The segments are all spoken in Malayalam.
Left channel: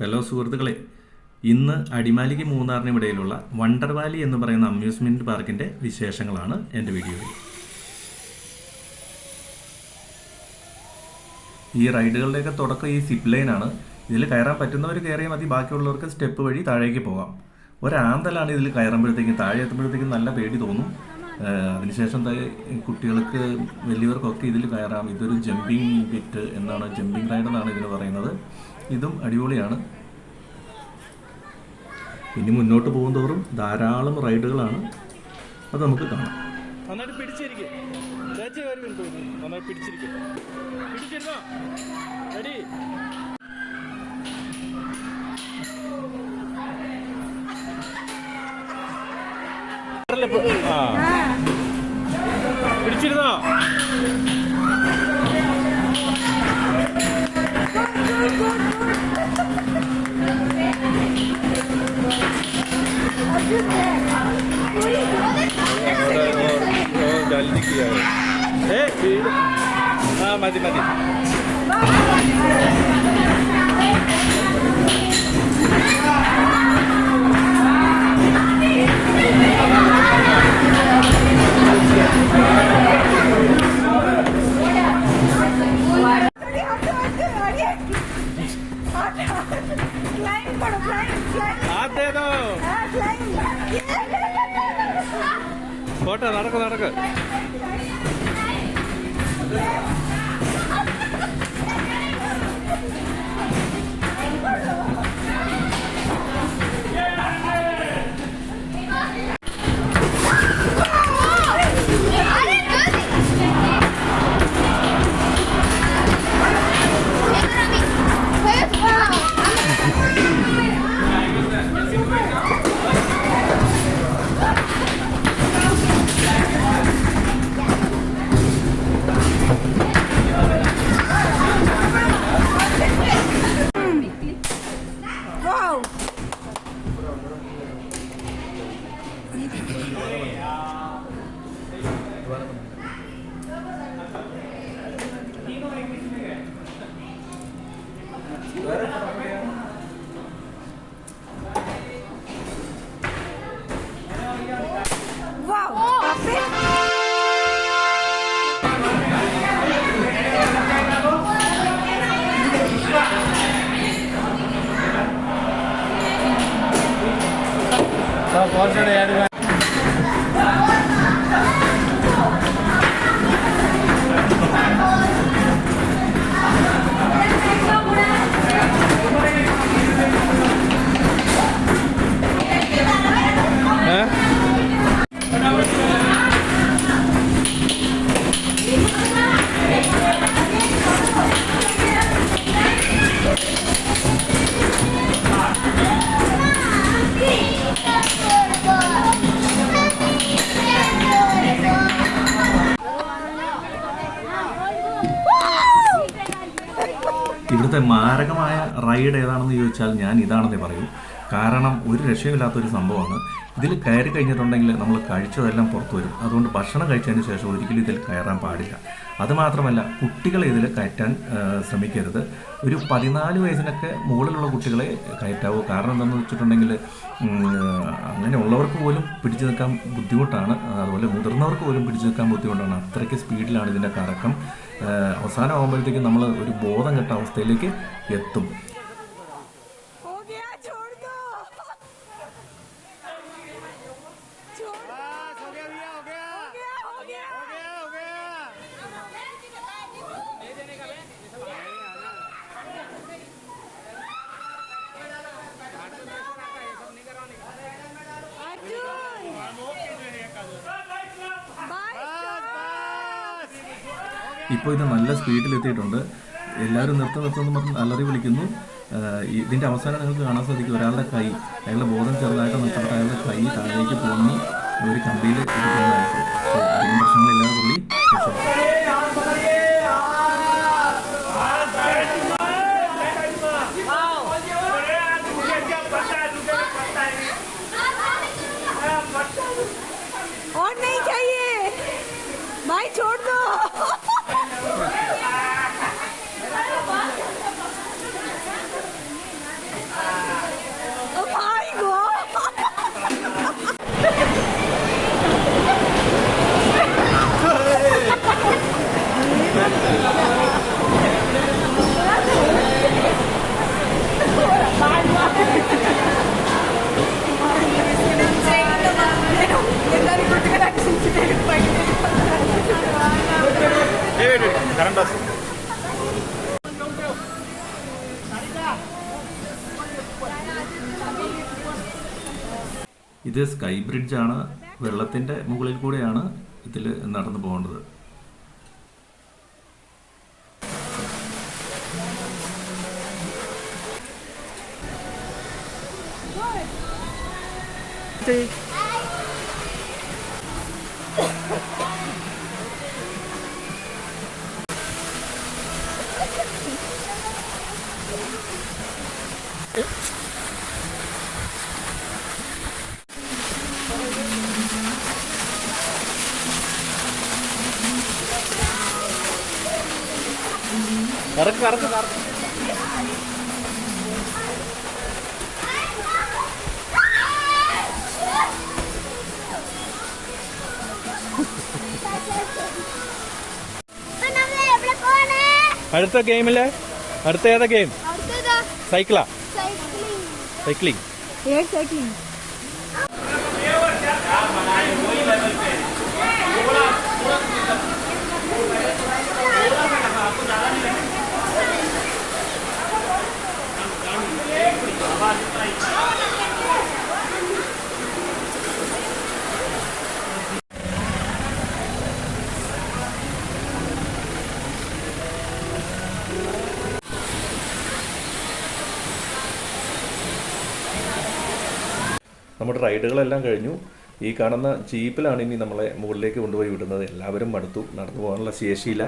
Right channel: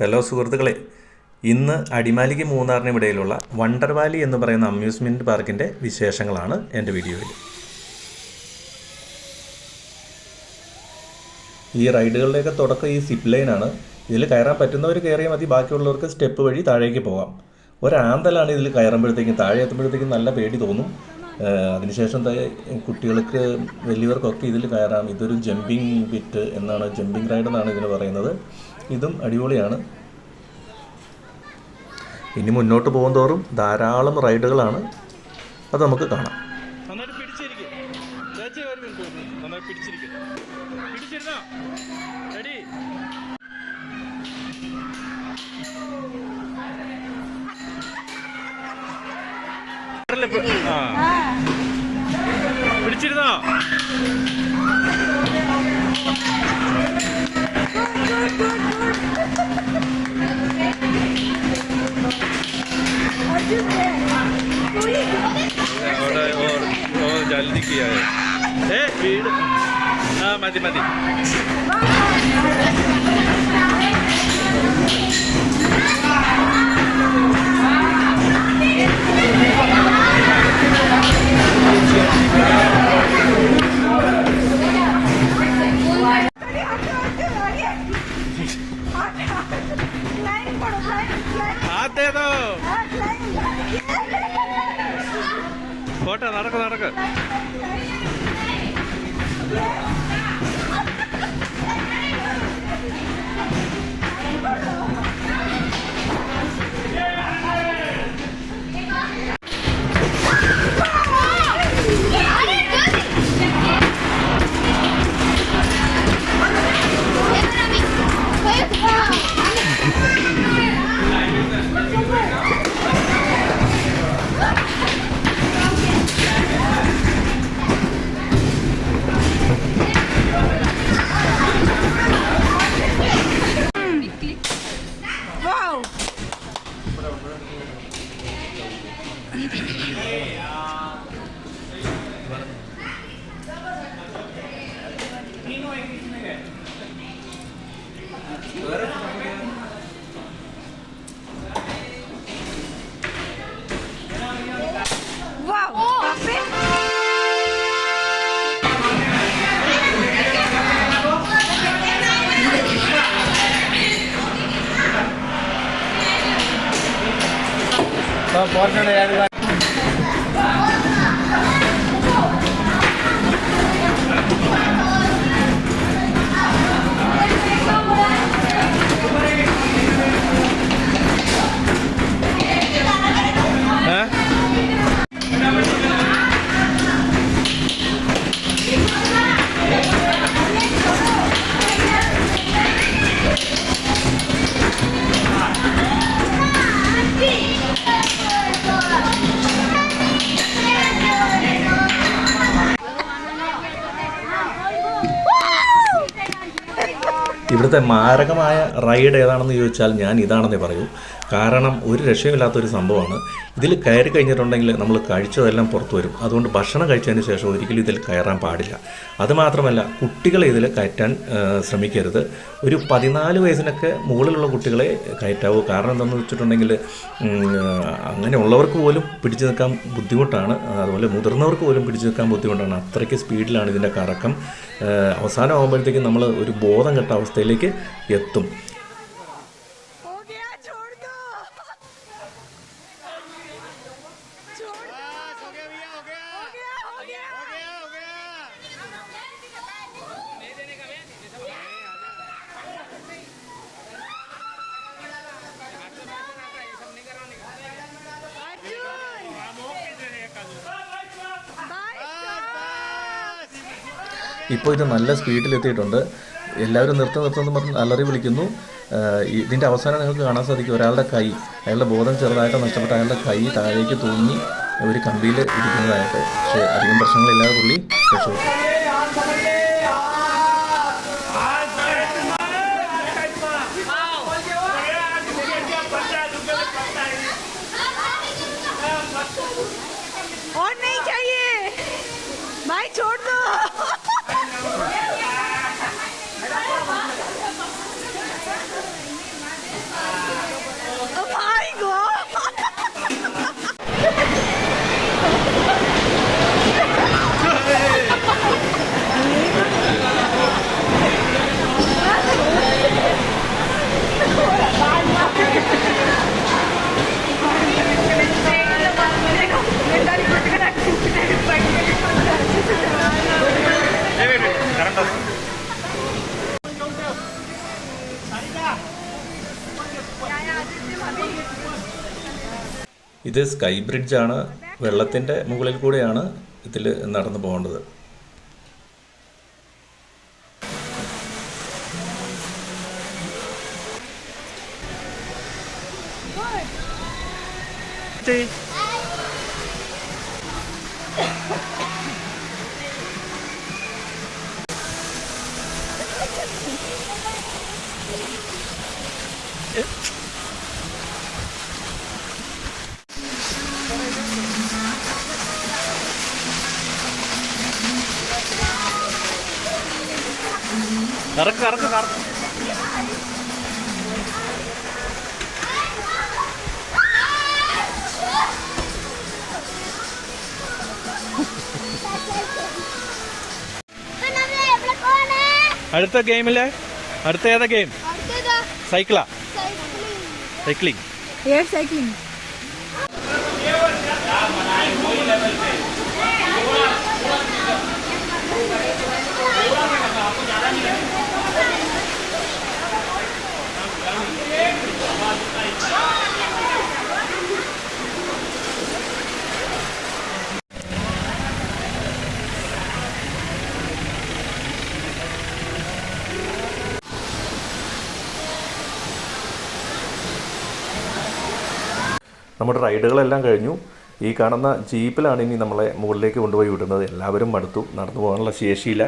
ഹലോ സുഹൃത്തുക്കളെ, ഇന്ന് അടിമാലിക്ക് മൂന്നാറിനും ഇടയിലുള്ള വണ്ടർ വാലി എന്ന് പറയുന്ന അമ്യൂസ്മെൻറ്റ് പാർക്കിൻ്റെ വിശേഷങ്ങളാണ് എൻ്റെ വീഡിയോയിൽ. ഈ റൈഡുകളുടെയൊക്കെ തുടക്കം ഈ സിപ്പ് ലൈനാണ്. ഇതിൽ കയറാൻ പറ്റുന്നവർ കയറിയാൽ മതി, ബാക്കിയുള്ളവർക്ക് സ്റ്റെപ്പ് വഴി താഴേക്ക് പോകാം. ഒരാന്തലാണ് ഇതിൽ കയറുമ്പോഴത്തേക്കും. താഴെ എത്തുമ്പോഴത്തേക്കും നല്ല പേടി തോന്നും. അതിനുശേഷം കുട്ടികൾക്ക് വലിയവർക്കൊക്കെ ഇതിൽ കയറാം. ഇതൊരു ജമ്പിങ് ബിറ്റ് എന്നാണ്, ജമ്പിങ് റൈഡ് എന്നാണ് ഇതിന് പറയുന്നത്. ഇതും അടിപൊളിയാണ്. ഇനി മുന്നോട്ട് പോകുന്തോറും ധാരാളം റൈഡുകളാണ്, അത് നമുക്ക് കാണാം. പിടിച്ചിരുന്നോ? जल्दी किया है भीड़। हाँ मതി मതി. हाथ दे दो. പോട്ടെ, നടക്ക് നടക്ക്. ഇവിടുത്തെ മാരകമായ റൈഡ് ഏതാണെന്ന് ചോദിച്ചാൽ ഞാൻ ഇതാണെന്നേ പറയൂ. കാരണം ഒരു രക്ഷയുമില്ലാത്തൊരു സംഭവമാണ്. ഇതിൽ കയറി കഴിഞ്ഞിട്ടുണ്ടെങ്കിൽ നമ്മൾ കഴിച്ചതെല്ലാം പുറത്തു വരും. അതുകൊണ്ട് ഭക്ഷണം കഴിച്ചതിന് ശേഷം ഒരിക്കലും ഇതിൽ കയറാൻ പാടില്ല. അതുമാത്രമല്ല, കുട്ടികളെ ഇതിൽ കയറ്റാൻ ശ്രമിക്കരുത്. ഒരു 14 വയസ്സിനൊക്കെ മുകളിലുള്ള കുട്ടികളെ കയറ്റാവൂ. കാരണം എന്താണെന്ന് വെച്ചിട്ടുണ്ടെങ്കിൽ അങ്ങനെയുള്ളവർക്ക് പോലും പിടിച്ചു നിൽക്കാൻ ബുദ്ധിമുട്ടാണ്. അതുപോലെ മുതിർന്നവർക്ക് പോലും പിടിച്ചു നിൽക്കാൻ ബുദ്ധിമുട്ടാണ്. അത്രയ്ക്ക് സ്പീഡിലാണ് ഇതിൻ്റെ കറക്കം. അവസാനം ആകുമ്പോഴത്തേക്കും നമ്മൾ ഒരു ബോധം കെട്ട അവസ്ഥയിലേക്ക് എത്തും. ഇപ്പോൾ ഇത് നല്ല സ്പീഡിലെത്തിയിട്ടുണ്ട്. എല്ലാവരും നിർത്തുമെന്ന് പറഞ്ഞ് അലറി വിളിക്കുന്നു. ഇതിൻ്റെ അവസാനം നിങ്ങൾക്ക് കാണാൻ സാധിക്കും, ഒരാളുടെ കൈ, അയാളുടെ ബോധം ചെറുതായിട്ട് നഷ്ടപ്പെട്ട അയാളുടെ കൈ താഴേക്ക് തൂങ്ങി ഒരു കമ്പിയിൽ ഇരിക്കുന്നതായിട്ട്. പക്ഷേ അധികം പ്രശ്നങ്ങളില്ലാതെ പുള്ളി രക്ഷപ്പെട്ടു. और नहीं चाहिए भाई, छोड़ दो। ഇത് സ്കൈ ബ്രിഡ്ജാണ്. വെള്ളത്തിൻ്റെ മുകളിൽ കൂടെയാണ് ഇതിൽ നടന്നു പോകേണ്ടത്. കറക്ക് കറക്ക് കറക്ക്. അടുത്ത ഗെയിമില്ലേ? അടുത്ത ഏതാ ഗെയിം? സൈക്കിളാ? സൈക്ലിംഗ്. നമ്മുടെ റൈഡുകളെല്ലാം കഴിഞ്ഞു. ഈ കാണുന്ന ജീപ്പിലാണ് ഇനി നമ്മളെ മുകളിലേക്ക് കൊണ്ടുപോയി വിടുന്നത്. എല്ലാവരും മടുത്തു, നടന്നു പോകാനുള്ള ശേഷിയില്ല.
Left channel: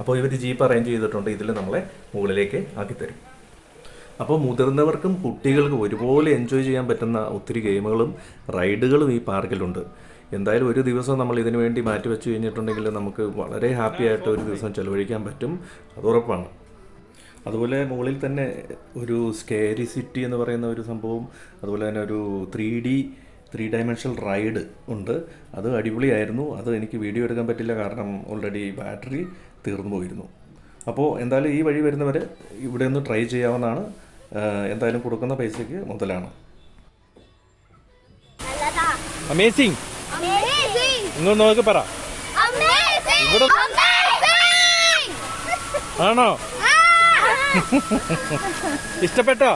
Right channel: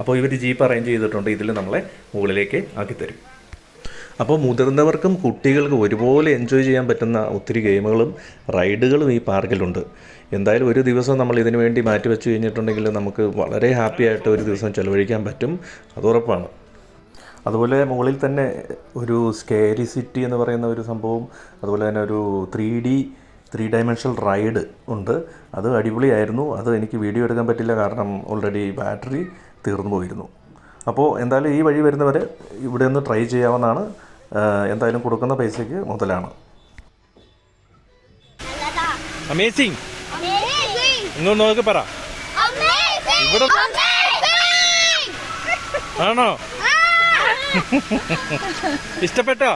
അപ്പോൾ ഇവർ ജീപ്പ് അറേഞ്ച് ചെയ്തിട്ടുണ്ട്. ഇതിൽ നമ്മളെ മുകളിലേക്ക് ആക്കിത്തരും. അപ്പോൾ മുതിർന്നവർക്കും കുട്ടികൾക്കും ഒരുപോലെ എൻജോയ് ചെയ്യാൻ പറ്റുന്ന ഒത്തിരി ഗെയിമുകളും റൈഡുകളും ഈ പാർക്കിലുണ്ട്. എന്തായാലും ഒരു ദിവസം നമ്മൾ ഇതിനു വേണ്ടി മാറ്റി വെച്ച് കഴിഞ്ഞിട്ടുണ്ടെങ്കിൽ നമുക്ക് വളരെ ഹാപ്പി ആയിട്ട് ഒരു ദിവസം ചിലവഴിക്കാൻ പറ്റും, അത് ഉറപ്പാണ്. അതുപോലെ മുകളിൽ തന്നെ ഒരു സ്കേരി സിറ്റി എന്ന് പറയുന്ന ഒരു സംഭവം, അതുപോലെ തന്നെ ഒരു 3 ഡയമെൻഷണൽ റൈഡ് ഉണ്ട്. അത് അടിപൊളിയായിരുന്നു. അത് എനിക്ക് വീഡിയോ എടുക്കാൻ പറ്റില്ല, കാരണം ഓൾറെഡി ബാറ്ററി തീർന്നു പോയിരുന്നു. അപ്പോൾ എന്തായാലും ഈ വഴി വരുന്നവർ ഇവിടെ ഒന്ന് ട്രൈ ചെയ്യാവുന്നതാണ്. എന്തായാലും കൊടുക്കുന്ന പൈസയ്ക്ക് മുതലാണ്. അമേസിങ്. ഇങ്ങോട്ട് നോക്കി പറ. ഇവിടെ ആണോ? ഇഷ്ടപ്പെട്ടോ?